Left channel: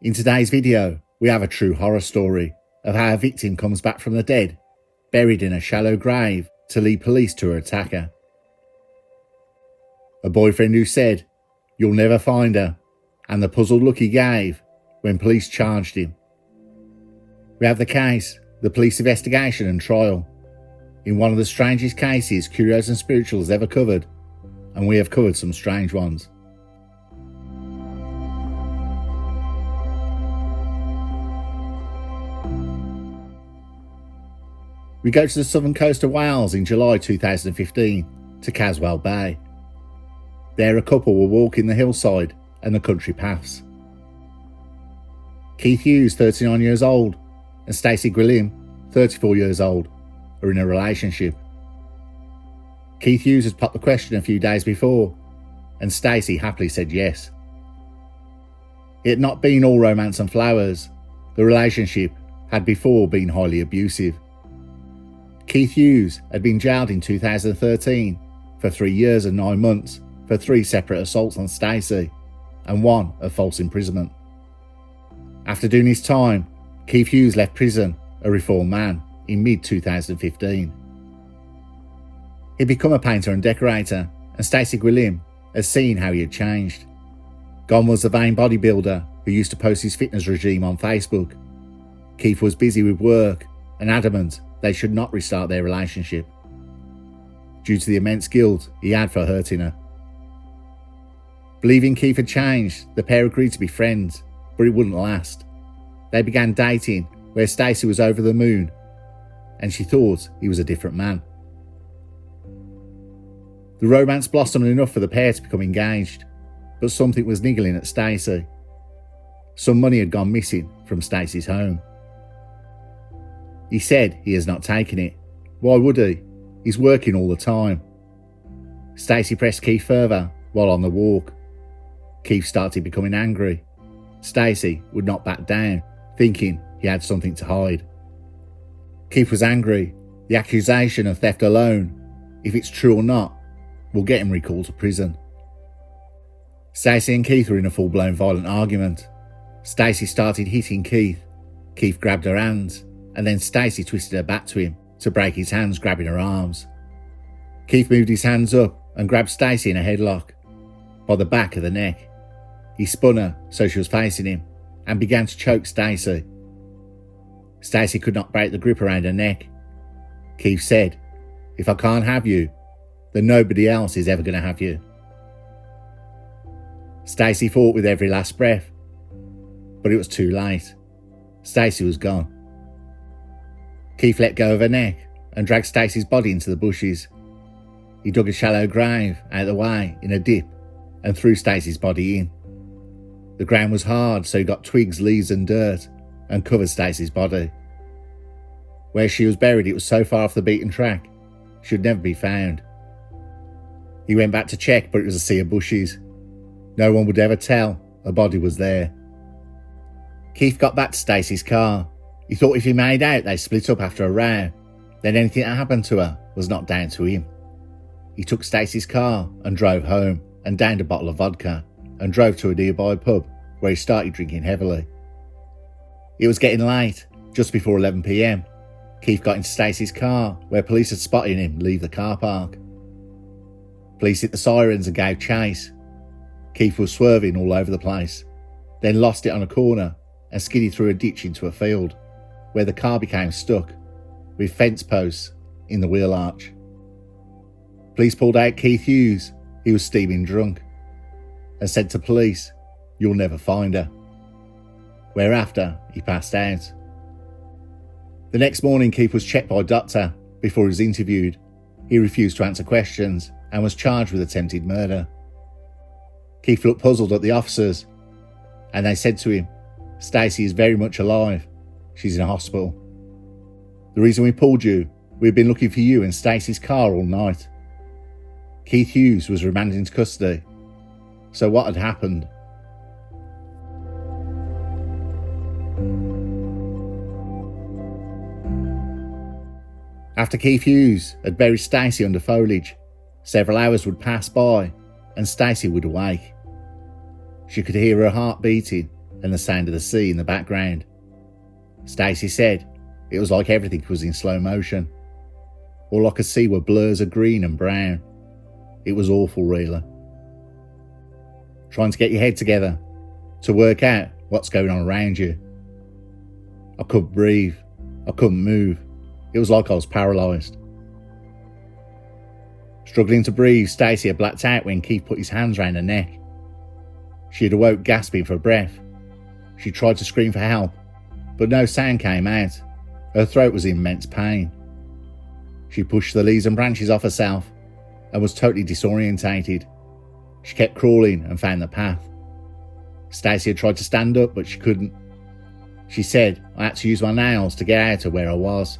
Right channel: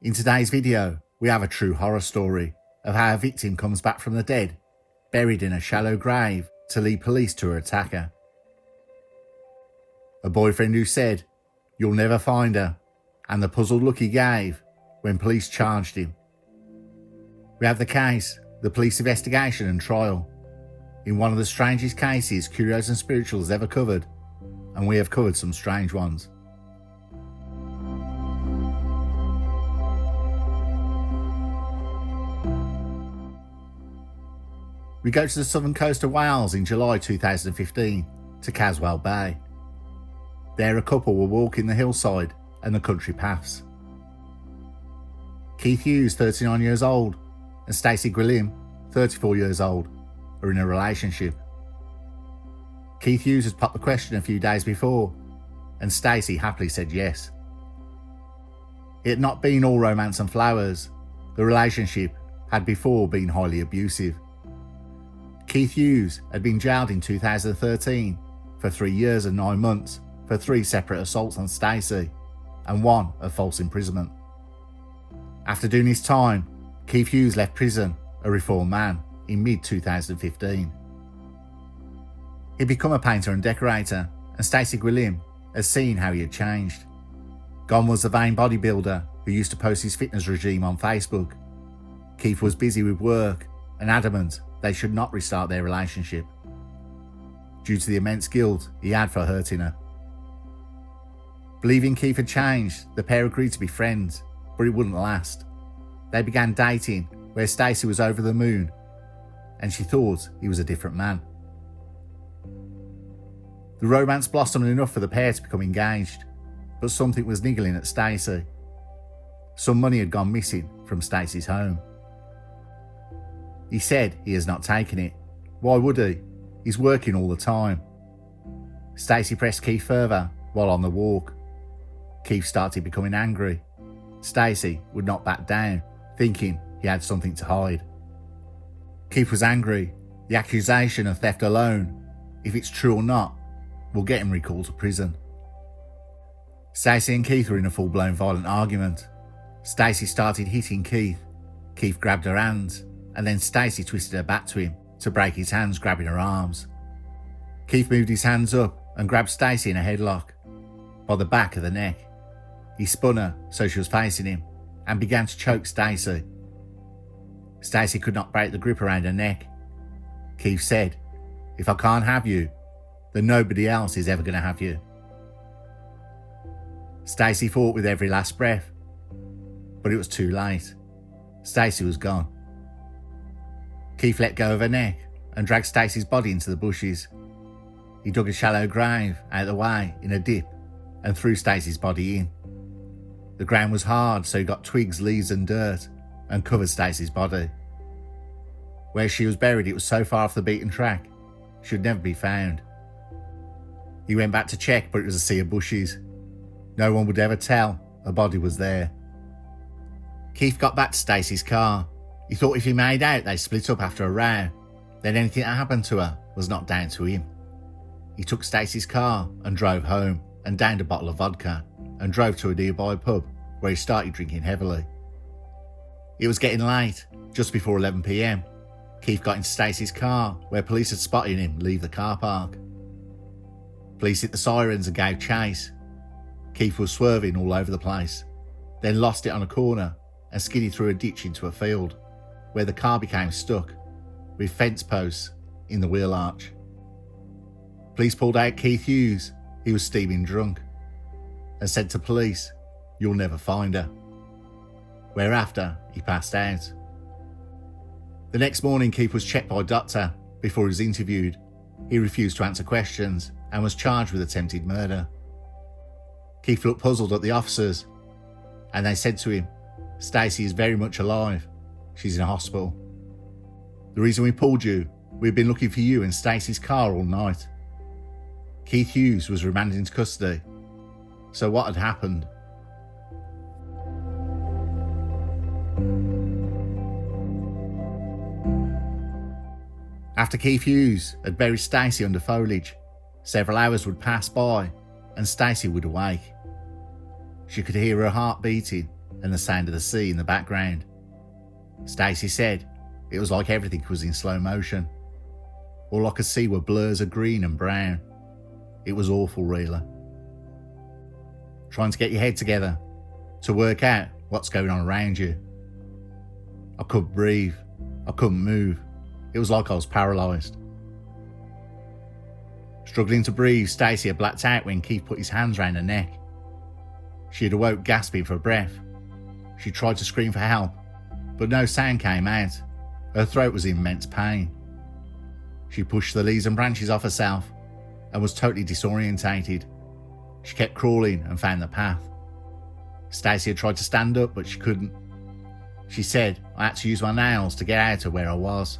In today's video, we have a true horror story of how a victim comes back from the dead, buried in a shallow grave to lead police to her attacker. A boyfriend who said, "You'll never find her," and the puzzled look he gave when police charged him. We have the case, the police investigation and trial, in one of the strangest cases Curios&Spiritual has ever covered, and we have covered some strange ones. We go to the southern coast of Wales in July 2015 to Caswell Bay. There a couple were walking the hillside and the country paths. Keith Hughes, 39 years old, and Stacey Gwilym, 34 years old, are in a relationship. Keith Hughes had popped the question a few days before, and Stacey happily said yes. It had not been all romance and flowers. The relationship had before been highly abusive. Keith Hughes had been jailed in 2013 for 3 years and 9 months for 3 separate assaults on Stacey and 1 of false imprisonment. After doing his time, Keith Hughes left prison a reformed man in mid-2015. He'd become a painter and decorator, and Stacey Gwilym had seen how he had changed. Gone was the vain bodybuilder who used to post his fitness regime on Facebook. Keith was busy with work and adamant they should not restart their relationship, due to the immense guilt he had for hurting her. Believing Keith had changed, the pair agreed to be friends, but it wouldn't last. They began dating, where Stacey was over the moon, and she thought he was a different man. The romance blossomed enough for the pair to become engaged, but something was niggling at Stacey. Some money had gone missing from Stacey's home. He said he has not taken it. Why would he? He's working all the time. Stacey pressed Keith further while on the walk. Keith started becoming angry. Stacey would not back down, thinking he had something to hide. Keith was angry. The accusation of theft alone, if it's true or not, will get him recalled to prison. Stacey and Keith were in a full-blown violent argument. Stacey started hitting Keith. Keith grabbed her hands, and then Stacey twisted her back to him to break his hands, grabbing her arms. Keith moved his hands up and grabbed Stacey in a headlock by the back of the neck. He spun her so she was facing him and began to choke Stacey. Stacey could not break the grip around her neck. Keith said, "If I can't have you, then nobody else is ever going to have you." Stacey fought with every last breath, but it was too late. Stacey was gone. Keith let go of her neck and dragged Stacey's body into the bushes. He dug a shallow grave out of the way in a dip and threw Stacey's body in. The ground was hard, so he got twigs, leaves and dirt and covered Stacey's body. Where she was buried, it was so far off the beaten track, she would never be found. He went back to check, but it was a sea of bushes. No one would ever tell a body was there. Keith got back to Stacey's car. He thought if he made out they split up after a row, then anything that happened to her was not down to him. He took Stacey's car and drove home and downed a bottle of vodka and drove to a nearby pub where he started drinking heavily. It was getting late, just before 11 p.m. Keith got into Stacey's car where police had spotted him leave the car park. Police hit the sirens and gave chase. Keith was swerving all over the place, then lost it on a corner and skidded through a ditch into a field, where the car became stuck, with fence posts in the wheel arch. Police pulled out Keith Hughes, he was steaming drunk, and said to police, "You'll never find her," whereafter he passed out. The next morning Keith was checked by a doctor before he was interviewed. He refused to answer questions and was charged with attempted murder. Keith looked puzzled at the officers, and they said to him, "Stacey is very much alive. She's in a hospital. The reason we pulled you, we've been looking for you in Stacey's car all night." Keith Hughes was remanded into custody. So what had happened? After Keith Hughes had buried Stacey under foliage, several hours would pass by and Stacey would awake. She could hear her heart beating and the sound of the sea in the background. Stacey said it was like everything was in slow motion. All I could see were blurs of green and brown. It was awful, really. Trying to get your head together, to work out what's going on around you. I couldn't breathe. I couldn't move. It was like I was paralysed. Struggling to breathe, Stacey had blacked out when Keith put his hands round her neck. She had awoke gasping for breath. She tried to scream for help, but no sound came out. Her throat was in immense pain. She pushed the leaves and branches off herself and was totally disorientated. She kept crawling and found the path. Stacey had tried to stand up, but she couldn't. She said I had to use my nails to get out of where I was.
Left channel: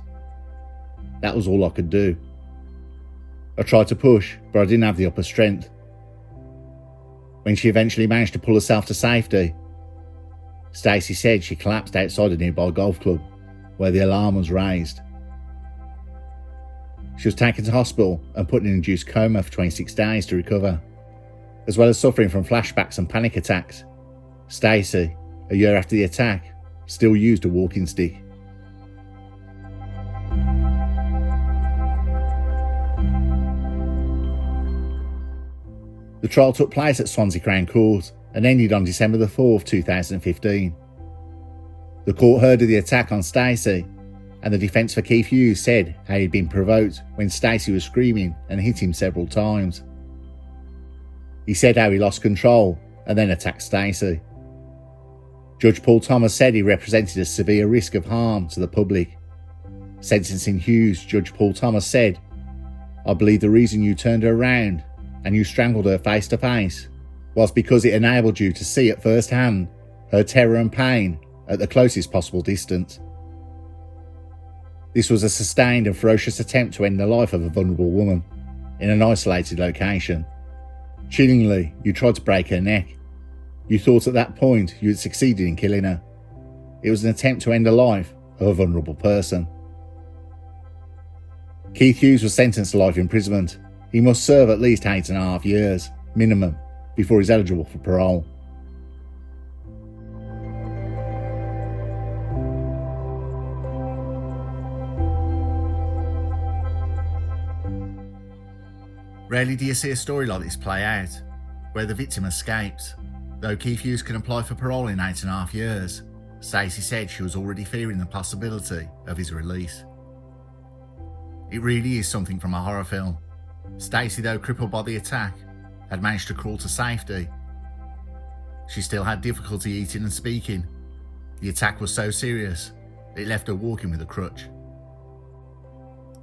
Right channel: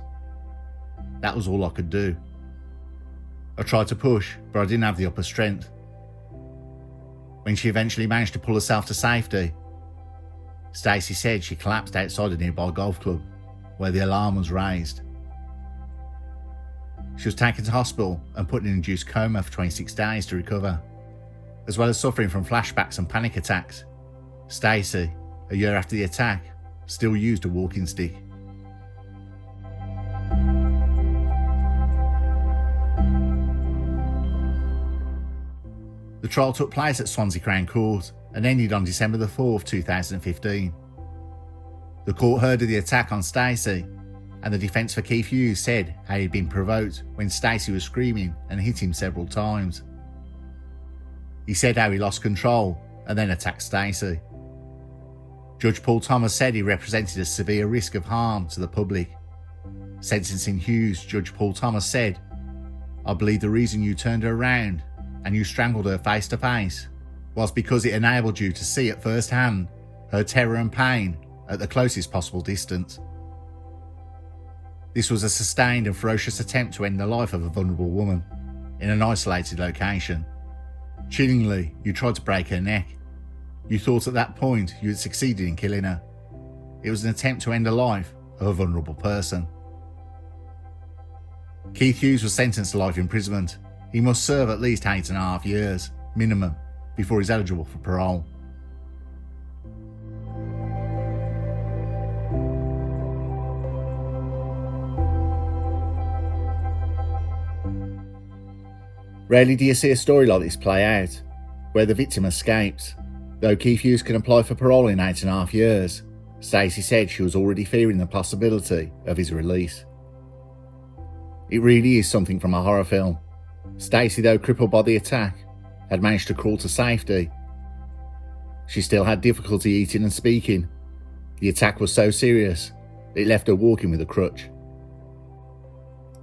That was all I could do. I tried to push, but I didn't have the upper strength. When she eventually managed to pull herself to safety, Stacey said she collapsed outside a nearby golf club, where the alarm was raised. She was taken to hospital and put in an induced coma for 26 days to recover. As well as suffering from flashbacks and panic attacks, Stacey, a year after the attack, still used a walking stick. The trial took place at Swansea Crown Court and ended on December 4th, 2015. The court heard of the attack on Stacey, and the defence for Keith Hughes said how he'd been provoked when Stacey was screaming and hit him several times. He said how he lost control and then attacked Stacey. Judge Paul Thomas said he represented a severe risk of harm to the public. Sentencing Hughes, Judge Paul Thomas said, "I believe the reason you turned her around and you strangled her face to face was because it enabled you to see at first hand her terror and pain at the closest possible distance. This was a sustained and ferocious attempt to end the life of a vulnerable woman in an isolated location. Chillingly, you tried to break her neck. You thought at that point you had succeeded in killing her. It was an attempt to end the life of a vulnerable person." Keith Hughes was sentenced to life imprisonment. He must serve at least 8.5 years, minimum, before he's eligible for parole. Rarely do you see a story like this play out, where the victim escapes. Though Keith Hughes can apply for parole in 8.5 years, Stacey said she was already fearing the possibility of his release. It really is something from a horror film. Stacey, though crippled by the attack, had managed to crawl to safety. She still had difficulty eating and speaking. The attack was so serious, it left her walking with a crutch.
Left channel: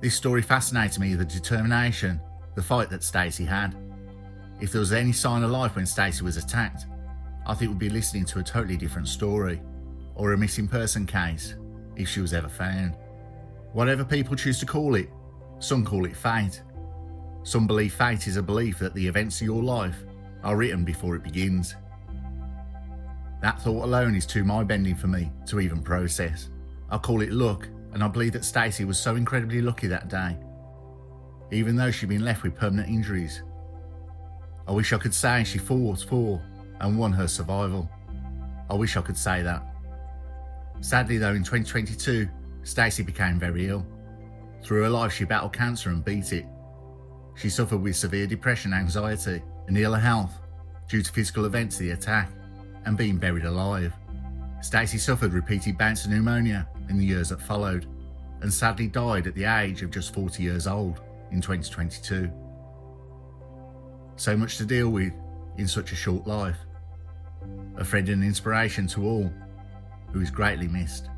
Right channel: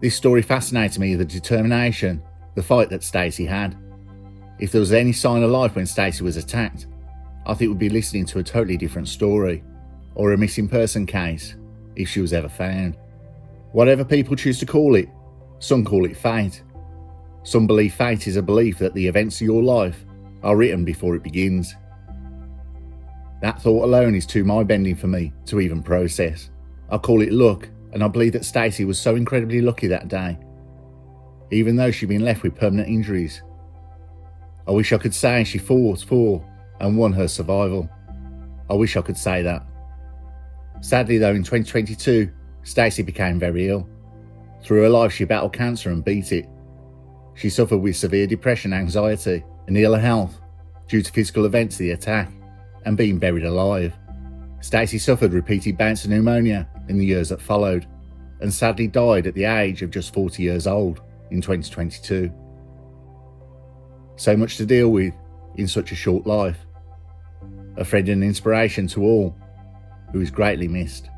This story fascinated me, the determination, the fight that Stacey had. If there was any sign of life when Stacey was attacked, I think we'd be listening to a totally different story, or a missing person case, if she was ever found. Whatever people choose to call it, some call it fate. Some believe fate is a belief that the events of your life are written before it begins. That thought alone is too mind-bending for me to even process. I call it luck, and I believe that Stacey was so incredibly lucky that day, even though she'd been left with permanent injuries. I wish I could say she fought for and won her survival. I wish I could say that. Sadly though, in 2022, Stacey became very ill. Through her life she battled cancer and beat it. She suffered with severe depression, anxiety and ill health due to physical events of the attack and being buried alive. Stacey suffered repeated bouts of pneumonia in the years that followed and sadly died at the age of just 40 years old in 2022. So much to deal with in such a short life. A friend and inspiration to all who is greatly missed.